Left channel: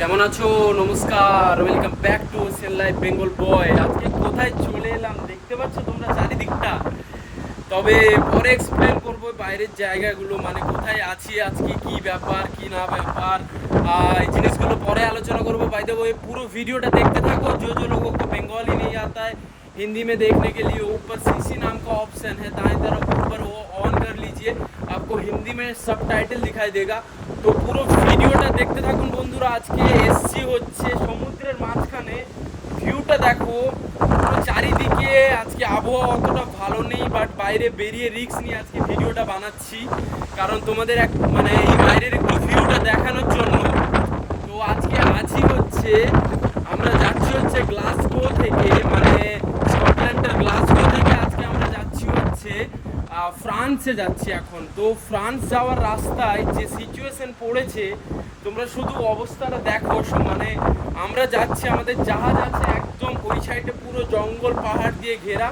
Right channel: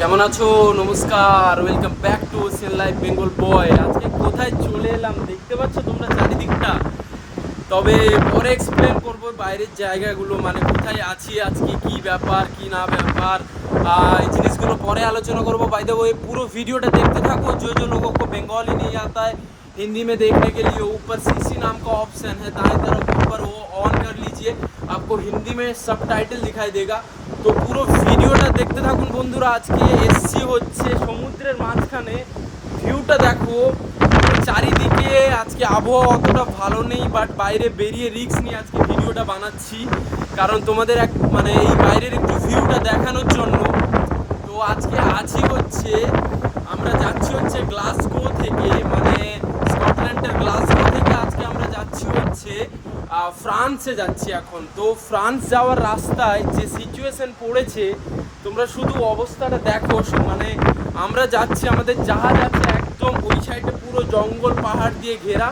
কেমন আছো? নমস্কার welcome back to sail life Bengal boy আজকে কোথায় চলে এলাম? দেখতে পাচ্ছ তোমরা চারিদিকটা। তবে পরে এক্সপ্লেন করব বাইরের জায়গাগুলো মানে কোথায় আছি আজকে, কি ব্যাপার, কি না ব্যাপার। এই জিনিসগুলো পরে আলোচনা করব। বাই দেবো এই পুরো ভিডিওটা দেখতে থাকো যে যে লোক বেঙ্গলি নিয়ে যাতা হিন্দি মে দেখতে গেলি के लिए ऊपर सीसी नाम का ऑप्शन है दाएं तरफ ऊपर वो ऑन कर लीजिए आपको हिंदी में सब टाइटल दिखाई देगा तो पूरा দেখতে থাকুন বন্ধুরা, আজকে এসছি হচ্ছে সমুদ্রের মাঝখানে। ভিউটা দেখো চারিদিকে আজকে আবহাওয়া অতটা ভালো নেই বাট বাইরে বেরিয়ে রিক্স নিয়ে আজকে ভিডিওটা বানাচ্ছি। কারণ তোমাদের এক মানে এই বাইরের ভিউটা দেখানোর জন্য। তো আজকে আছি হচ্ছে আমরা যাচ্ছি হচ্ছে গ্লাসগো থেকে মানে স্কটল্যান্ডের গ্লাসগো থেকে আজকে আমরা যাচ্ছি হচ্ছে আহ, ফ্রান্সে যাচ্ছি এখন। তো ফ্রান্স যাওয়ার রাস্তায় যে সিচুয়েশন পড়েছে, তোমরা শুধু অবস্থাটা দেখো মানে আমরা যাচ্ছি, আমাদের জাহাজ আছে একদম ওই সাইডে পুরো জঙ্গল, পাহাড় দিয়ে ঘেরা।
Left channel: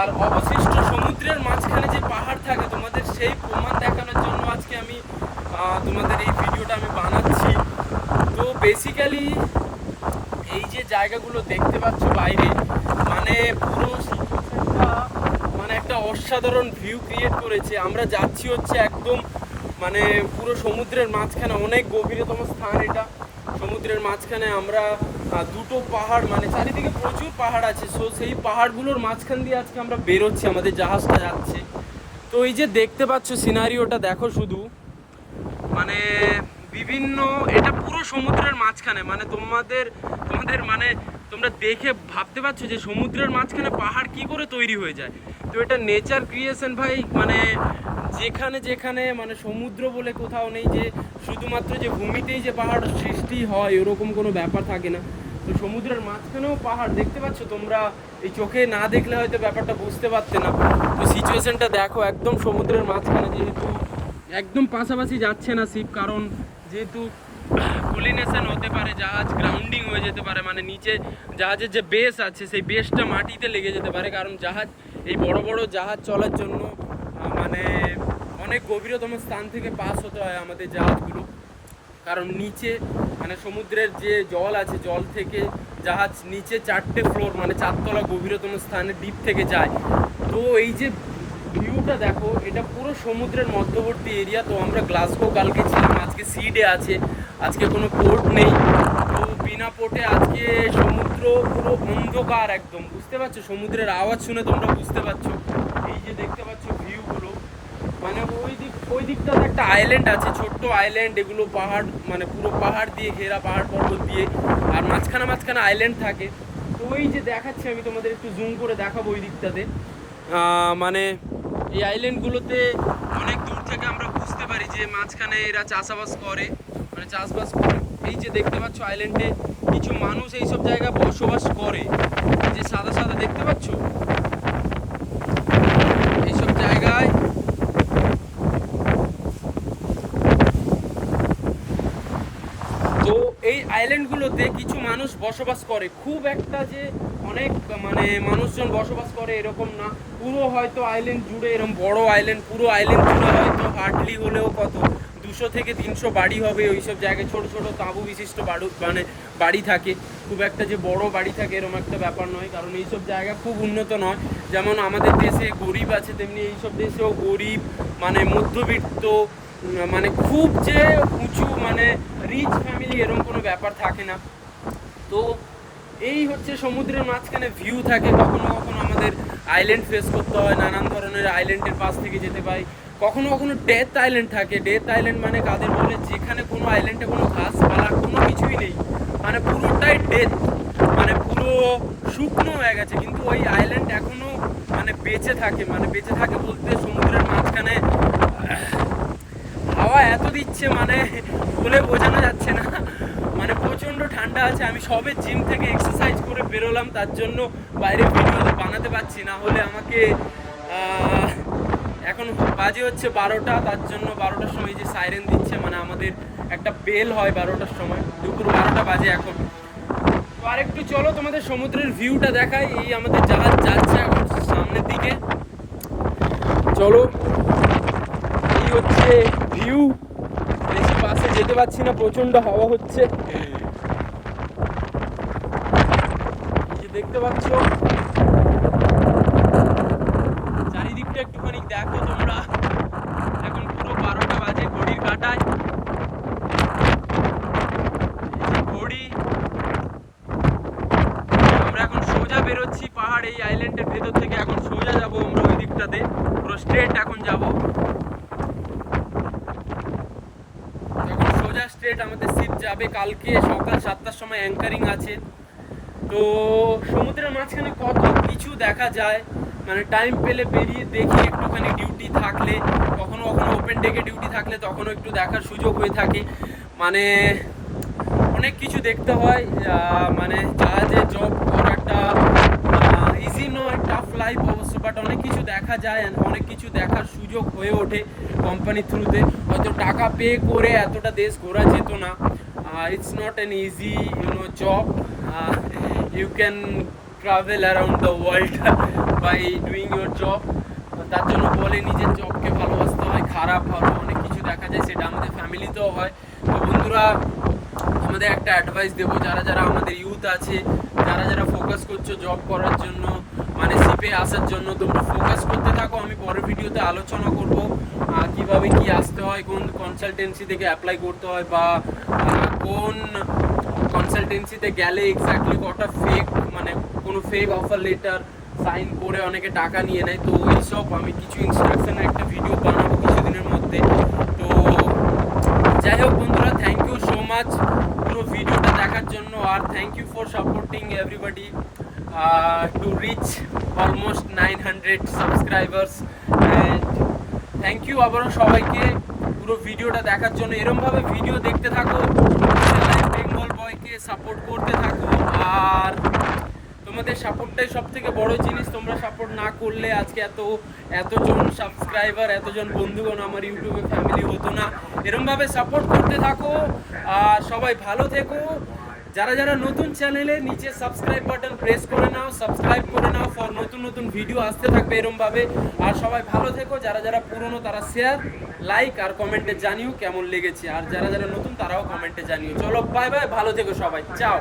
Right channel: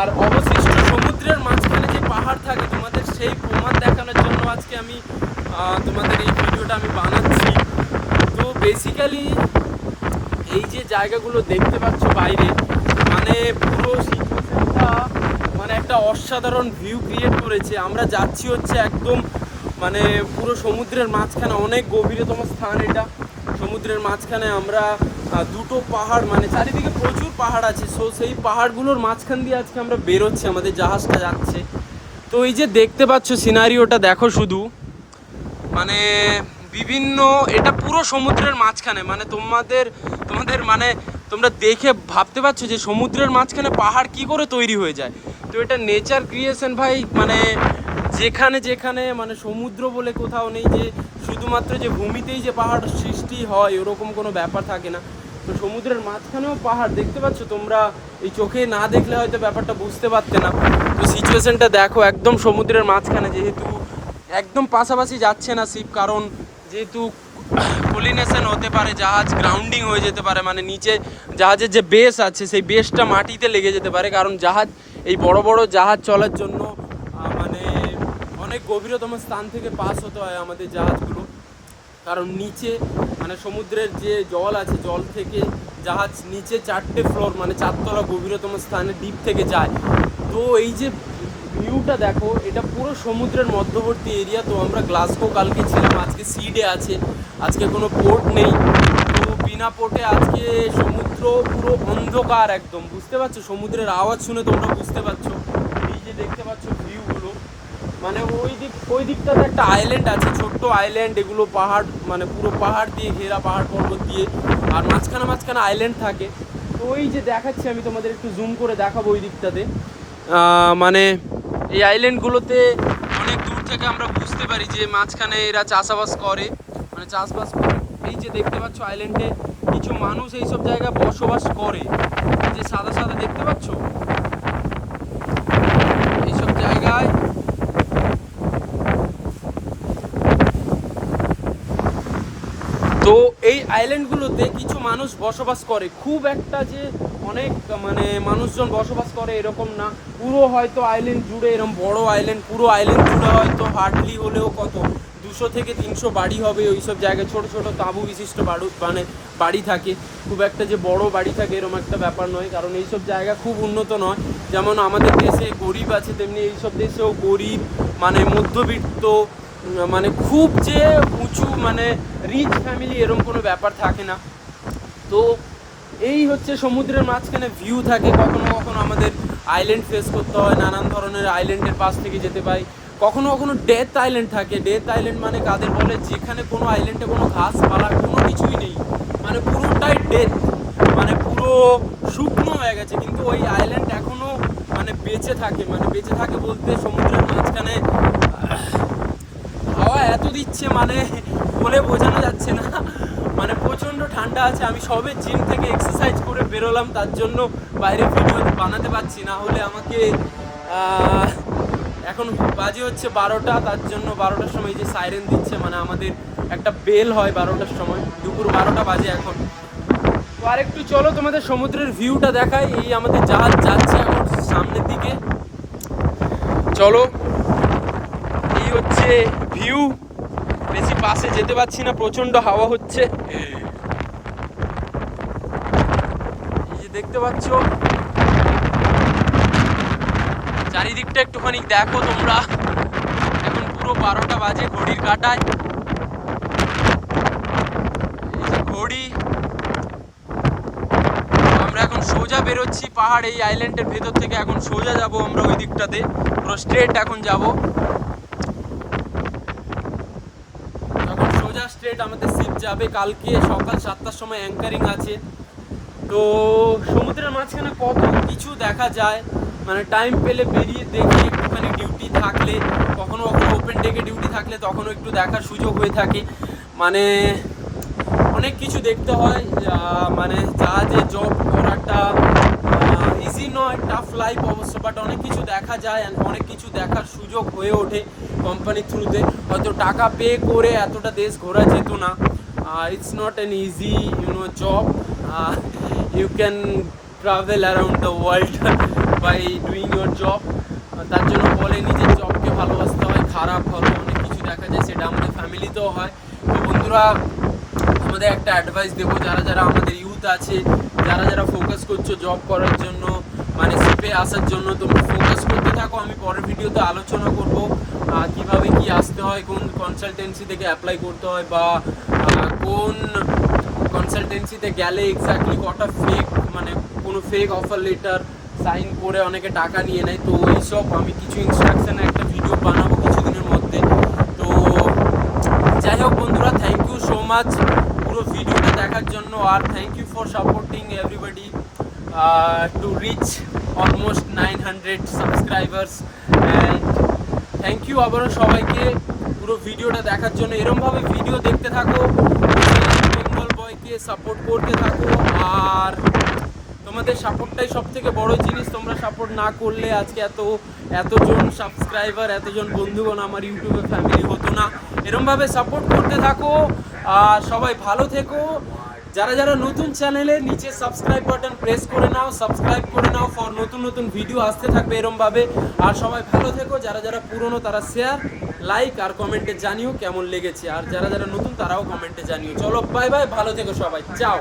আর অবশিষ্ট সমুদ্রের মাঝখানে যে পাহাড় থাকে, তোমাদের সেই প্রমাণ দেখানোর জন্য আজকে আমি তোমাদের এই ভিডিওটা আমি বানাচ্ছি। তো বেসিক্যালি এই যে জায়গাগুলো দেখতে পাচ্ছ বাইরে মানে পুরো একটা অসাধারণ ভিউ ক্রিয়েট করেছে। আমরা যাচ্ছি হচ্ছে একদম মানে পুরো সমুদ্রের মাঝখানে, অনেক গভীরতম স্থান এটা। সমুদ্রের মাঝখানে আমরা দুটো পাহাড় মানে চারিদিকে প্রচুর পাহাড় আছে। সো সেই পাহাড়গুলোর মাঝখান দিয়ে আজকে আমরা বেরোচ্ছি, আমাদের জাহাজটা যাচ্ছে। তো এই যে দেখতে পাচ্ছ সিনারিওটা দেখো শুধু। মানে বিভিন্ন, এটা পুরো সমুদ্রের মাঝখানে। মানে তোমাদের তোমাদের মানে তোমরা দেখে ভাবতে পারছ যে সমুদ্রের মাঝখানে পাহাড় কি করে তৈরি হয়ে যায়। তো এটা নেচার ক্রিয়েশন ভাই মানে যেখানে যেখানে মানে সমুদ্র বলে কোথাও নেই যে শুধুমাত্র যে ভূমিতেই যে পাহাড় সৃষ্টি হয়, ওরকম কোনো ব্যাপার থাকে না। তো সমুদ্রের মাঝখানেও পাহাড়, দেখতে পাচ্ছ তোমরা? এই চোখে না দেখলে হয়তো ব্যাপারটা বুঝতে পারতে না। তো সিচুয়েশনটা দেখো, একদম সমুদ্রের মাঝখানে, যেহেতু একদম পাশাপাশি যাচ্ছে না শিপ কারণ যেহেতু কলিনেশন হতে পারে, জাহাজ গ্রাউন্ডিং হয়ে যেতে পারে মানে নিচে জাহাজের যে বেস আছে, সেই বেসটা মাটিতে লেগে যেতে পারে, কারণ জাহাজ এই বড় বড় জাহাজ চলার জন্য মানে অনেক গভীরতম স্থান থেকে পাস হতে হয় আমাদের জাহাজগুলো। কারণ নিচে মানে সমুদ্রের যে জল আছে, জল থেকে জাহাজ নিচে চারটে ফ্লোর মানে চারতলা গভীরতম স্থানে ডিপ থেকে যায়। তো এই যে ভিউটা দেখো, এটা পুরো সমুদ্রের মধ্যবর্তী এরিয়া তো আমরা গ্লাসগো কালকে ছিলাম, আজকে সি ডে আছে, আজকে কোনো পোর্ট নেই। বিনা পোর্টে আজকে সমুদ্র পুরো অন্ধকার একদম। বুঝতে পারছ? সমুদ্রের আওয়াজ শুনে তোমরা বুঝতে পারছ। এই যে দেখতে পাচ্ছ ভিউগুলো মানে ওই দিক, ওই দিকটাতে একটা আইল্যান্ড আছে, ছোট্ট আইল্যান্ড এগুলো পাহাড় মানে পুরো পাহাড় দিয়ে, ঘেরা পাহাড় পর্বত দিয়ে, আর মাঝখানে মাঝখানে আইল্যান্ড থাকে। তো ওই যে দেখাচ্ছি আমি তোমাদের, একটু জুম করে দেখাবো ওই দিকটাতে। মানে এই আইল্যান্ডগুলোতে অনেক দূর থেকে আমরা বুঝতে পারি যে মাঝখানে এরা চাষাবাস করে। মানে চাষবাস করে এই যে দেখতে পাচ্ছ আইল্যান্ডে কিছু মানুষ এইসব জায়গায় বসবাস করে। যে সাদা সাদা দেখতে পাচ্ছ? এইসব জায়গায় তো এই আইল্যান্ডগুলোতে কিছু মানুষ বসবাস করে। খুব একটা যে অনেক মানে মানুষজন বসবাস করে এরকম না। পুরো হয়তো আইল্যান্ড জুড়ে এরকম বড় আইল্যান্ড পুরো আইল্যান্ড জুড়ে হয়তো হার্ডলি হলেও কত। দুশো থেকে তিনশো বাড়ি হবে ওইসব জায়গায়। ছোট ছোট তাঁবু বিশিষ্ট বাড়ু মানে বাড়ি থাকে। খুব একটা যে বড় বাড়ি থাকে এরকম একটা ব্যাপার নয়, কারণ এইসব জায়গা খুব উন্নত নয়। যেমন আমাদের দেশে গরিব আছে, তেমনি এইসব দেশেও গরিব মানে মধ্যবিত্ত মানে খুব যে উঁচু মানে রিচ ফ্যামিলি এরকম কোনো ব্যাপার থাকে না। তো এই হচ্ছে সমুদ্রের মাঝখানে ভিউ থাকে। কখনো কখনো আমাদের আইল্যান্ড ফেস করতে হয়, নানান ধরনের আইল্যান্ডের পাশ থেকে যেতে পাই। কখনো কখনো ডেথ আইল্যান্ড থাকে। ডেথ আইল্যান্ড মানে কাদের বলে? যেখানে কোনো আইল্যান্ডে কোনো ঘাস, পালা, কোনো কিছুই নেই। মানে পুরোটাই ডেথ মানে পুরো শুকনো হয়ে গেছে। কিন্তু ওই আইল্যান্ড এখনও মানে বেঁচে থাকে। মানে বেঁচে থাকে বলতে সমুদ্রের মাঝখানে, হাওয়া এত দিচ্ছে মানে বলে বোঝানো যাচ্ছে না। মানে প্রচণ্ড ঠান্ডা আছে। আমি সবে জিম থেকে এক্সারসাইজ করে বেরোলাম। তার জন্য বাইরে ভিডিও বানাতে পারছি না। হলে আমাকে এখন বাজে হচ্ছে বারোটা, তার জন্য বারোটার সময় যে সাইরেন দিচ্ছে মানে আমাদের একটা বেল হয় বারোটার সময়। দুপুর বারোটা বাজে এখন। তো আর একটু চলো তোমাদের সমুদ্রের ভিউটা দেখাই। এই আমাদের জাহাজ যাচ্ছে এখন সামনের দিকে। চলো। এই হচ্ছে ভিউ বেশি পাশে যেতে পারছি না প্রচণ্ড হাওয়া হচ্ছে। দেখতে পাচ্ছ চারিদিকটা একটুখানি দেখো তোমরা। এখন পুরো বারোটা বাজে ঘড়ির কাটায়। ঘড়ি। আমরা এখন সোজা বেরোচ্ছি পাহাড় এই আইল্যান্ডের ভেতর থেকে। এখন সোজা যাব আমরা ওই দিকটাতে। পুরো স্ট্রেট এখন যাব। এখন সোজা স্ট্রেট আমাদের সিট যাবে কালকে। সকাল সাতটার সময় অ্যাঙ্কারিং আছে। তো সমুদ্রের মাঝখানে কত কিছু দেখা যায়। মানে টাইম পেলে বেরিয়ে দেখি একটুখানি ডিউটি থাকলে, কখনো কখনো ওপেন ডেকে ডিউটি থাকলে তখনও একটু দেখার সুযোগ হয়ে থাকে। মানে অনেক কিছু দেখতে হয় মানে মানে যে জব করাটা ইজি নয় টাফ লাইফ অবশ্য বাট অনেক কিছু দেখা যায় অনেক কিছু দেখার সুযোগ হয়ে ওঠে কোম্পানির থ্রুতে হয়তো টাকা পে করে এতটা দেশ ঘোরা যেত না। It's not an easy you know job you can travel around the world by doing your job তার জন্য বলে নিজের জবকে ভালোবাসতে হয়, খারাপ ভালো, অনেক কিছু দেখা যায়, সেটা আমাদের ফ্যামিলিতেও হয়। তো বন্ধুরা, আমাদের একটা অ্যাডভাইস দেবো, যারা যারা আমাদের ইউথ আছে, যারা যারা ফোকাস করছ জব করার জন্য মানে সিপে আসার জন্য, তোমরা ফোকাস করতে থাকো। আমি পরের ভিডিওতে আলোচনা করব কীভাবে কি আসতে হয়, কোন কনসালটেন্সি থেকে অ্যাপ্লাই করতে হয়, বা কোন কনসালটেন্সিতে গেলে এক্স্যাক্টলি কটা ফেক মানে কোনো ফেক অফার লেটার সাইন করে অনেকে টাকা নিয়ে নেয়। তো ওই সব আমি কিছু ইনস্ট্রাকশনে একটা ভিডিও বানাবো কিছুদিনের মধ্যে। তো যাই হোক বন্ধুরা থ্যাংক ইউ সো মাচ পুরো ভিডিওটা দেখার জন্য। আর thank you for supporting everybody to reach almost nine hundred subscribers and thank you আবারও সবাইকে পুরো ভিডিওটা দেখার জন্য। এরমভাবে ভিডিও দেখতে থাকো বয়কে সাপোর্ট করতে থাকো। আর তোমাদের সাপোর্টটাই সব থেকে বড় জিনিস। তোমরা সাপোর্ট না করলে আজকে এত, এতজন সাবস্ক্রাইবার এতজন বন্ধুগণ আমার ইউটিউবে ফ্যামিলি হতো না। এরমভাবে সাপোর্ট করতে থাকো, আর সবাই ভালো থেকো। যারা যারা নতুন চ্যানেলে নিচে সাবস্ক্রাইব বাটন প্রেস করে নাও সাবস্ক্রাইব করে নাও ফর নতুন নতুন ভিডিও আসতে থাকবে এরমভাবে। আর সবাই ভালো থেকো, যারা যারা পুরনো তারা শেয়ার লাইক আর কমেন্টে জানিও কেমন লেগেছে। আর যারা যারা নতুন তারাও কমেন্টে জানিও। চলো বাই বাই ভালো থেকো সবাই। চাও।